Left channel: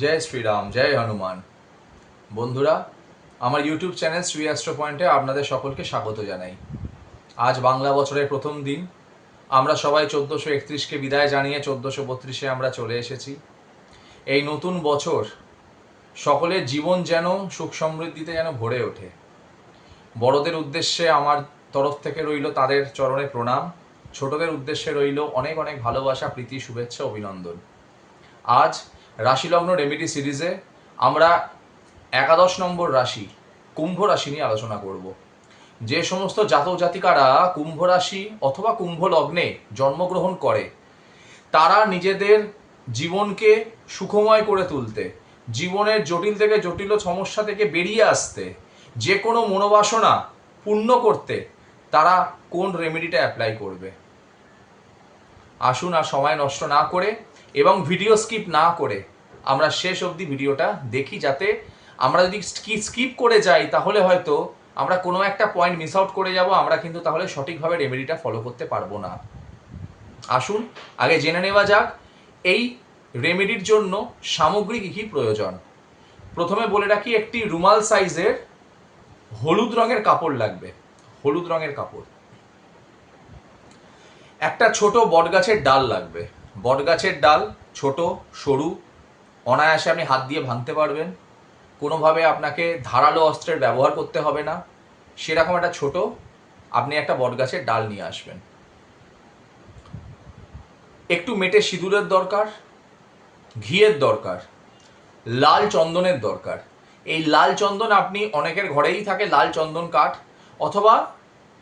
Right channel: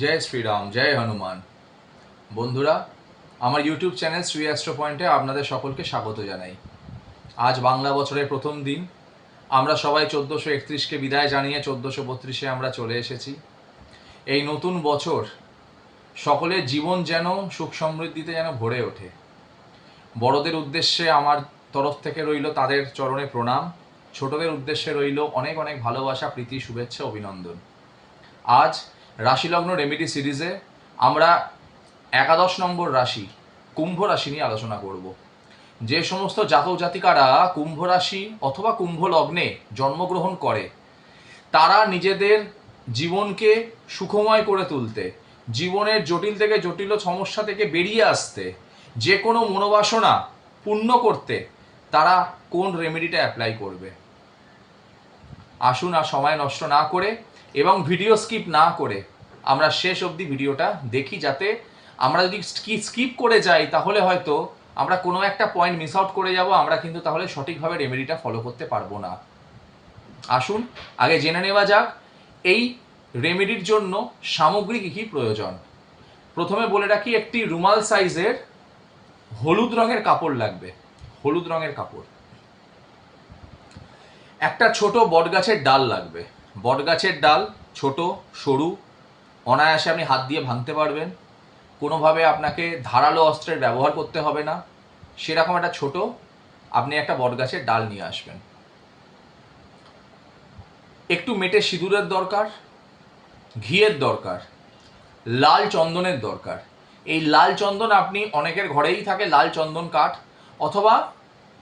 জয় শ্রীরাম, জয় হনুমান। বন্ধুরা, আমার YouTube channel Shri astro পয়েন্টে আপনাদের সকলকে স্বাগত জানাই। আজ বাংলা বছরের প্রথম দিন। আমরা সবাই 1431কে বিদায় জানিয়ে 1432-এ আমরা চলে এসেছি। এই নতুন বছর সকলের জীবন যেন সুখ সমৃদ্ধিতে যেন ভরে ওঠে। বড়দের উদ্দেশ্যে আমার তরফ থেকে রইল তাদের চরণে প্রণাম, ছোটদের উদ্দেশ্যে রইল অনেক অনেক ভালোবাসা, প্রীতি, শুভেচ্ছা, অভিনন্দন। আজ রাশিলগ্ন রেমেডি সিরিজে আমরা 11 নম্বর রাশি কুম্ভ রাশি নিয়ে আলোচনা করব। যে সমস্ত জাতক জাতিকারা কুম্ভ রাশি অথবা কুম্ভ লগ্নে জন্মগ্রহণ করে, তারা নিজেদের জীবনকে সুখময় করে তুলতে, জীবনের জটিল থেকে জটিল সমস্যা থেকে বেরিয়ে আসতে, যে কোনো মনোবাসনা পূর্ণ করতে তারা কোন রেমেডিটা অ্যাপ্লাই করবে। আসুন আর সময় নষ্ট না করে এবং ভিডিও স্কিপ না করে আমরা শেষ অবধি ভিডিওটা দেখি, যাতে আমরা যদি স্কিপ করে যাই তাহলে হয়তো আমরা কোনো একটা পয়েন্ট মিস আউট করে যাব, আমরা কিন্তু তাহলে সঠিকভাবে রেমেডিটা ফলো করতে পারবো না। আসুন আগে জেনে নেওয়া যাক এই রেমেডির জন্য সামগ্রী কী কী প্রয়োজন। প্রথমে বলে রাখি, একটি রুমাল সাইজের হলুদ রঙের কাপড় লাগবে। হলুদ রঙের কাপড়। একটা ছোট বটগাছের ডাল লাগবে। বটগাছের ডাল ছোট, সরু, অনায়াসে আপনি হাত দিয়ে ভাঙতে পারবেন। কোনোভাবে আপনাকে ধারালো অস্ত্রের ব্যবহার করতে হবে না। সেরকম একটা ছোট আপনি একটা বটগাছের ডাল নিয়ে আসবেন। একটু মেটে সিঁদুরের দরকার, ঘিয়ের দরকার, লাল চন্দনের দরকার। এই লাল চন্দন আপনি অনেকের ঘরেই থাকে লাল চন্দন কাঠ, অথবা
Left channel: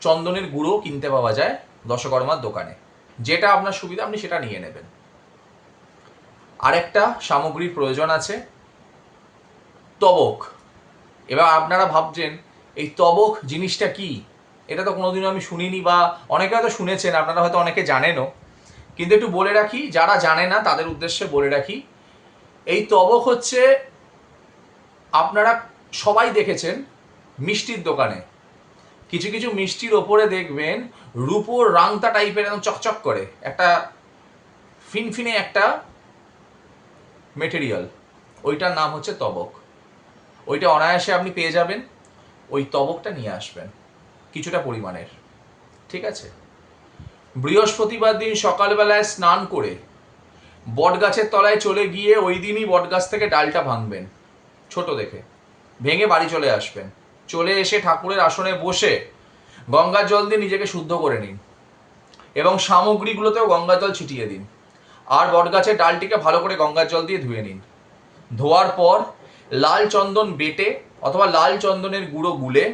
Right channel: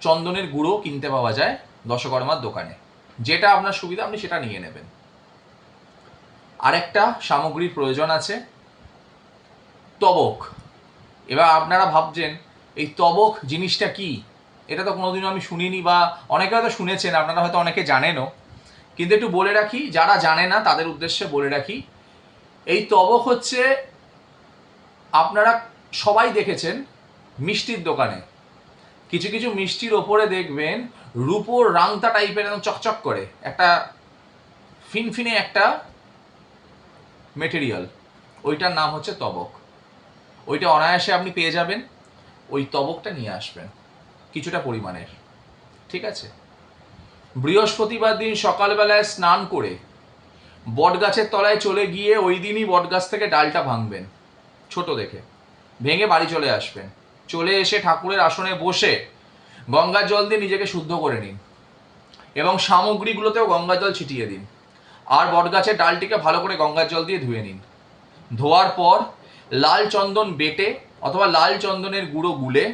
চন্দনের গুঁড়ো কিনতে পাওয়া যায় দশকর্মার দোকানে। যেটা আপনার সুবিধা আপনি সেটা নিয়ে নেবেন। আরেকটা সামগ্রীর প্রয়োজন আছে, তবক। এবার আপনারা ভাবছেন এই তবক জিনিসটা কি? এটা তো কোনোদিনও আমি শুনিনি, বা অনেকে হয়তো শুনেছেন, আপনারা হয়তো অনেকে জানেনও, কিন্তু একটু বলে রাখি, যারা জানে না তাদের উদ্দেশ্যে বলে রাখি। এই তবক হচ্ছে, আপনারা সবাই দেখেছেন মিষ্টির দোকানে কিছু কিছু মিষ্টির ওপরে দেখবেন রূপোর রাংতা টাইপের একদম চকচক করে একটা ফিনফিনে একটা মেটেরিয়াল, ওইটার নাম হচ্ছে তবক। ওইটা অনায়াসে আপনি পেয়ে যাবেন। ওই তবকটা নিয়ে আসবেন কিছুটা পরিমাণের, ঠিক আছে? বৃহস্পতিবার দিন সকালবেলায় স্নান করে বটগাছের তলায় চলে গিয়ে ওই দিনই বটগাছ থেকে ডালটা ভাঙবেন, ছোট দেখে ভেঙে বাড়ি চলে আসবেন। চলে এসে ঠাকুরের আসনে বসে গঙ্গার জল দিয়ে নিজেকে শুদ্ধ করে নিন এবং সামগ্রীগুলোতেও গঙ্গার জল ছিটিয়ে দিন। আর বটগাছের ডালটিকে ভালো করে গঙ্গার জল দিয়ে ধুয়ে নিন। ধোয়ার পর লাল চন্দন বেটে অথবা লাল চন্দনের গুঁড়ো গুলে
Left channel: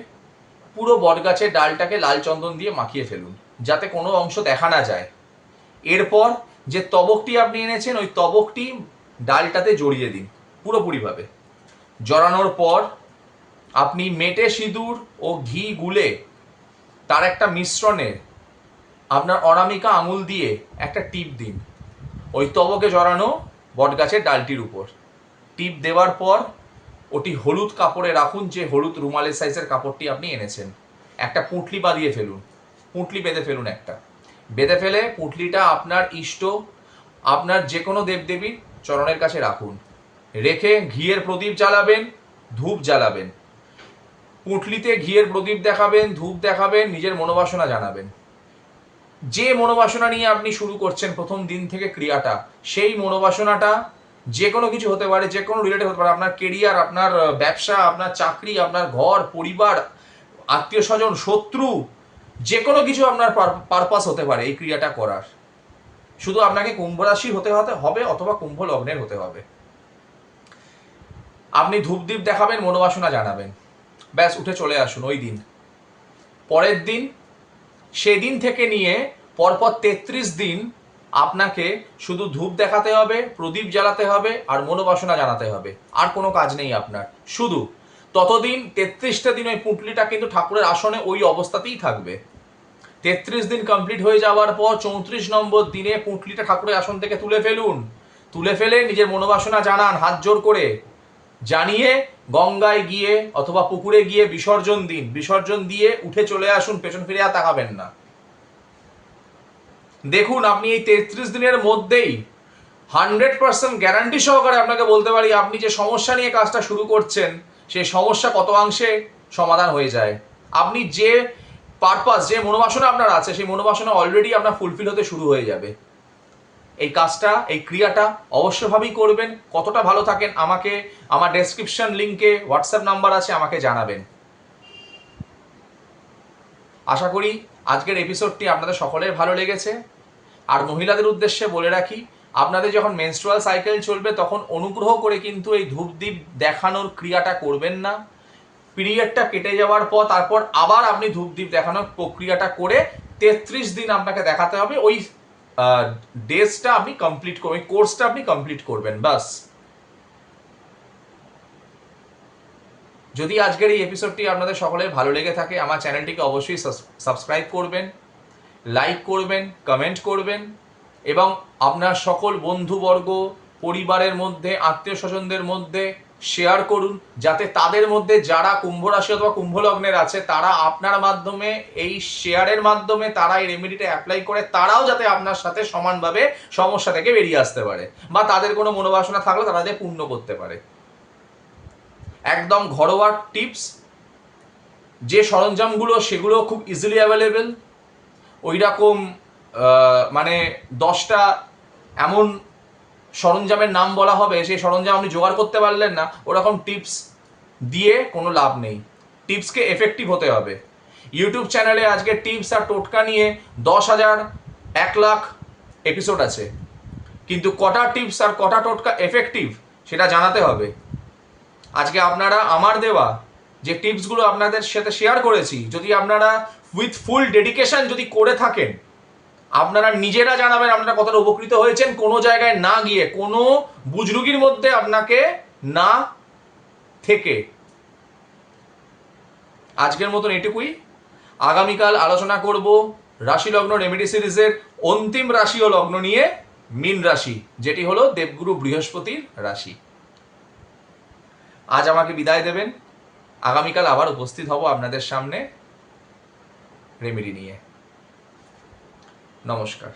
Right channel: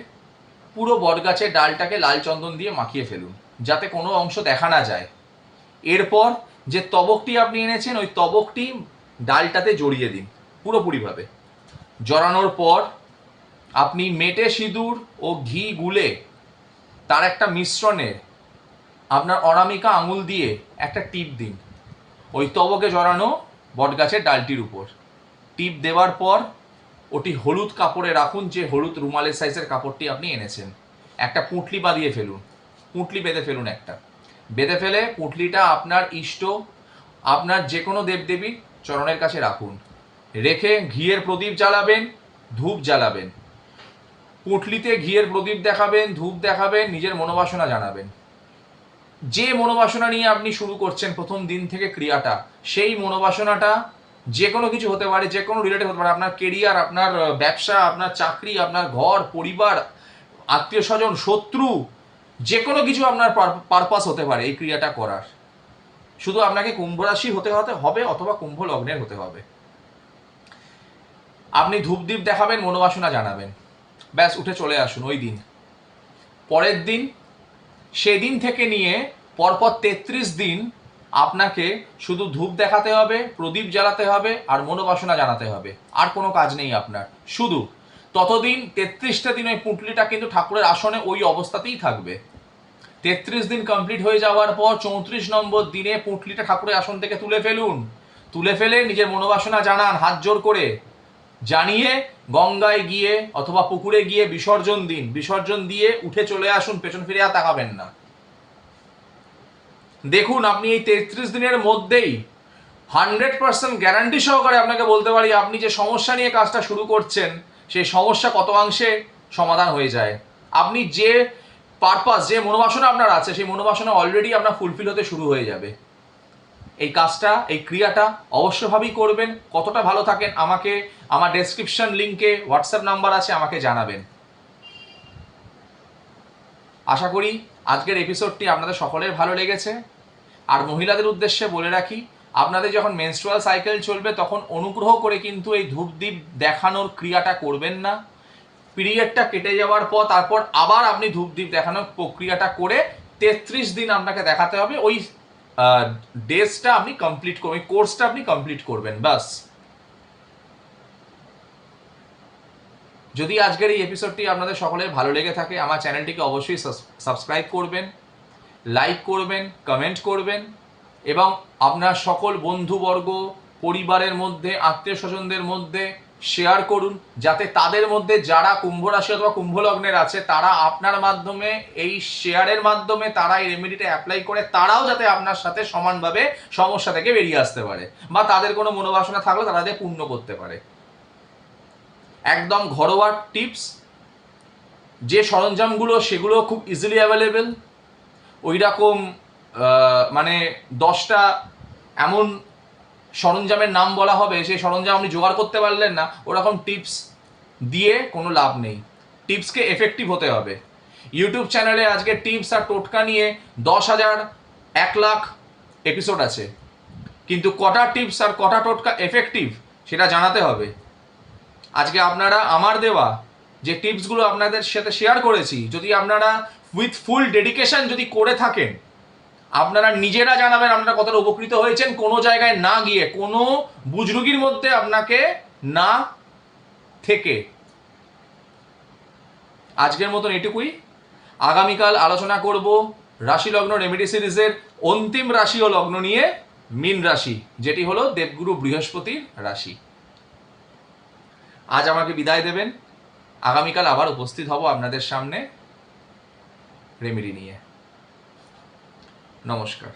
পুরো বটগাছের ডালটাকে লাল চন্দন দিয়ে মাখিয়ে ফেলুন, যাতে কোনো অংশ দেখা না যায়। এরপর যে তবকটি আপনি এনেছেন ওই তবকটি ডালটাতে জড়িয়ে দিন পুরোপুরিভাবে। জড়ানোর পর আপনি মেটে সিঁদুর ও ঘি গুলে তার একটা মিশ্রণে আপনার অনামিকা আঙুল দিয়ে একটা টিপ দিন ওই তবকে জড়ানো বটগাছের ডালটির উপর। টিপ দেওয়ার পর ওটি হলুদ কাপড়ে রাখুন, যে হলুদ রুমালের সাইজের কাপড়টি আপনি এনেছেন। একটা পুঁটলি বাঁধিয়ে ফেলুন, পুঁটলি বেঁধে ফেলুন একটা। বেঁধে ফেলে পুঁটলিটা আপনার ইষ্ট, আপনার যে কোনো দেবদেবীর চরণের কাছে রাখুন। রেখে ঘিয়ের প্রদীপ জ্বালাবেন, ধূপ জ্বালাবেন। পুঁটলিতে ঘিয়ের প্রদীপ দেখাবেন, ধূপ দেখাবেন, নিজের মনোবাসনা জানাবেন। যে মনোবাসনা নিয়ে আপনি শুরু করছেন প্রথম দিন থেকে ক্রিয়াটা, সেই মনোবাসনাটা যে কোনো কিছু হতে পারে, যে কোনো রিলেটেড হতে পারে, আপনার কেরিয়ার, আপনার ব্যবসা, আপনার চাকরি, আপনার ঘর পরিবার, আত্মীয় স্বজন, শত্রু, যে কোনো কিছু আপনার পারপাস হতে পারে এই ক্রিয়াটা করার। শুধু আপনাকে কুম্ভ রাশি হতে হবে অথবা কুম্ভ লগ্নের হতে হবে। আপনি ধূপদীপ দেখাবেন, মনোবাসনা জানাবেন, ব্যাস উঠে চলে আসুন ওই দিন। পরের দিন, সেদিন থেকে নিয়ে পরপর 33 দিন আপনাকে শুধু ধূপ দেখাতে হবে, প্রদীপ জ্বালাতে হবে আর মনোবাসনা জানাতে হবে। আর কোনো কাজ নেই আপনার। শুধু ততদিন 33টা দিন ওই পুঁটলিটা কিন্তু ঠাকুরের আসনে ওই অবস্থাতেই থাকবে। 33 দিন কমপ্লিট হয়ে যাওয়ার পর 34 নম্বর দিনে পুঁটলিটা ঠাকুরের আসন থেকে তুলে ফেলুন। তুলে ফেলে নিজের মনোবাসনা জানান হাত জোর করে, জানিয়ে গঙ্গায় গিয়ে অথবা পুকুরে গিয়ে বিসর্জন দিন। বিসর্জন দিয়ে উঠে চলে আসুন, পেছন ফিরে আর তাকাবেন না। দেখুন আপনি এই 33 দিনের মধ্যেই 100% গ্যারান্টি সহকারে আপনাকে বলতে পারি, আপনি যে সমস্যা নিয়ে কাজটা শুরু করছেন সেই সমস্যা কত অংশে সমাধান হয়ে যায়। আপনি যে পারপাস, যে মনোবাসনা আপনার আছে, সেই মনোবাসনা অলরেডি আপনার ফুলফিল হতে শুরু হয়ে যাবে। এই কাজটা, এই ক্রিয়াটা অবশ্যভাবেই করবেন। কতটা ভালো থাকেন আমাকে আমার ডেসক্রিপশন লিঙ্কে হোয়াটসঅ্যাপ নাম্বার আছে, আমাকে জানাবেন। আশা করি আজকের এপিসোডটি আপনাদের সকলের ভালো লেগেছে। আর মহিলাদের উদ্দেশ্যে বলে রাখি, আপনাদের যখন মেনস্ট্রুয়াল সাইকেল চলবে তখন অনুগ্রহ করে কিন্তু এই ধূপদীপ দেখানোর ক্রিয়াটা করবেন না। পিরিয়ডটা কেটে যাওয়ার পর তারপর আবার আপনি ধূপদীপ দেখানোর প্রক্রিয়াটা করে 33 দিন আপনাকে দেখাতে হবে। ওই ডেজটা আপনি কমপ্লিট করবেন, ওই কোর্সটা আপনি কমপ্লিট করবেন, বাস। যদি আজকের এই এপিসোডটি আপনাদের সকলের ভালো লেগে থাকে, আমার চ্যানেলটিকে অবশ্যই সাবস্ক্রাইব করবেন, লাইক করবেন, কমেন্ট করবেন এবং আপনার সকল বন্ধুবর্গ, পরিবারের মধ্যে, আত্মীয় স্বজনদের মধ্যে শেয়ার করুন, যাতে তাদের মধ্যে যারা কুম্ভ রাশি অথবা কুম্ভ লগ্নের আছে তারা আপনার মাধ্যমে, এই শেয়ারের মাধ্যমে তারা এই রেমেডিটা অ্যাপ্লাই করে তারাও যাতে আপনার সাথে সমানভাবে সমস্যা থেকে বেরিয়ে আসতে পারে, বা তাদের কোনো মনোবাসনা থাকলে তারা যাতে পূর্ণ করতে পারে। একদম ঘরোয়া টিপস, যে সরঞ্জামগুলো সেগুলো খুব ইজিলি অ্যাভেলেবেল। ওই রকম মানে 10টা এমন সরঞ্জামের নাম বলা হবে, সেই সরঞ্জাম আপনি জোগাড় করতে পারলেন না, ওরকম টিপস দিয়ে কোনো লাভ নেই। টিপসকে এফেক্টিভ হতে হবে। ইউটিউব চ্যানেলে আজকে টিপস আর টোটকা নিয়ে 10,000 1 লাখ এপিসোড আছে, কিন্তু কটা টিপস আর কটা টোটকা এফেক্টিভ সেটা জানাতে হবে। আজকে আপনারা আমার দেওয়া যে টিপসগুলো আপনাদের সাথে শেয়ার করেছি, যদি আপনারা উইথ ফুল ডেডিকেশন যদি করে থাকেন, আপনারা নিজেরা জানাবেন আপনারা কতটা উপকৃত হয়েছেন, কোনো জায়গায় না গিয়ে, কোনো বুজরুগির মধ্যে আপনাকে না থেকে। আজকের মতন এটুকুই। আগামীকাল আলোচনা করব রাশি লগ্ন রেমেডি সিরিজের অন্তিম রাশি ও লগ্ন নিয়ে, মীন রাশি, যেটি হলো দেবগুরু বৃহস্পতির রাশি। আজ আমাকে বিদায় দেবেন। আগামীকাল আবার উপস্থিত হব আপনাদের সামনে রেমেডি নিয়ে। নমস্কার।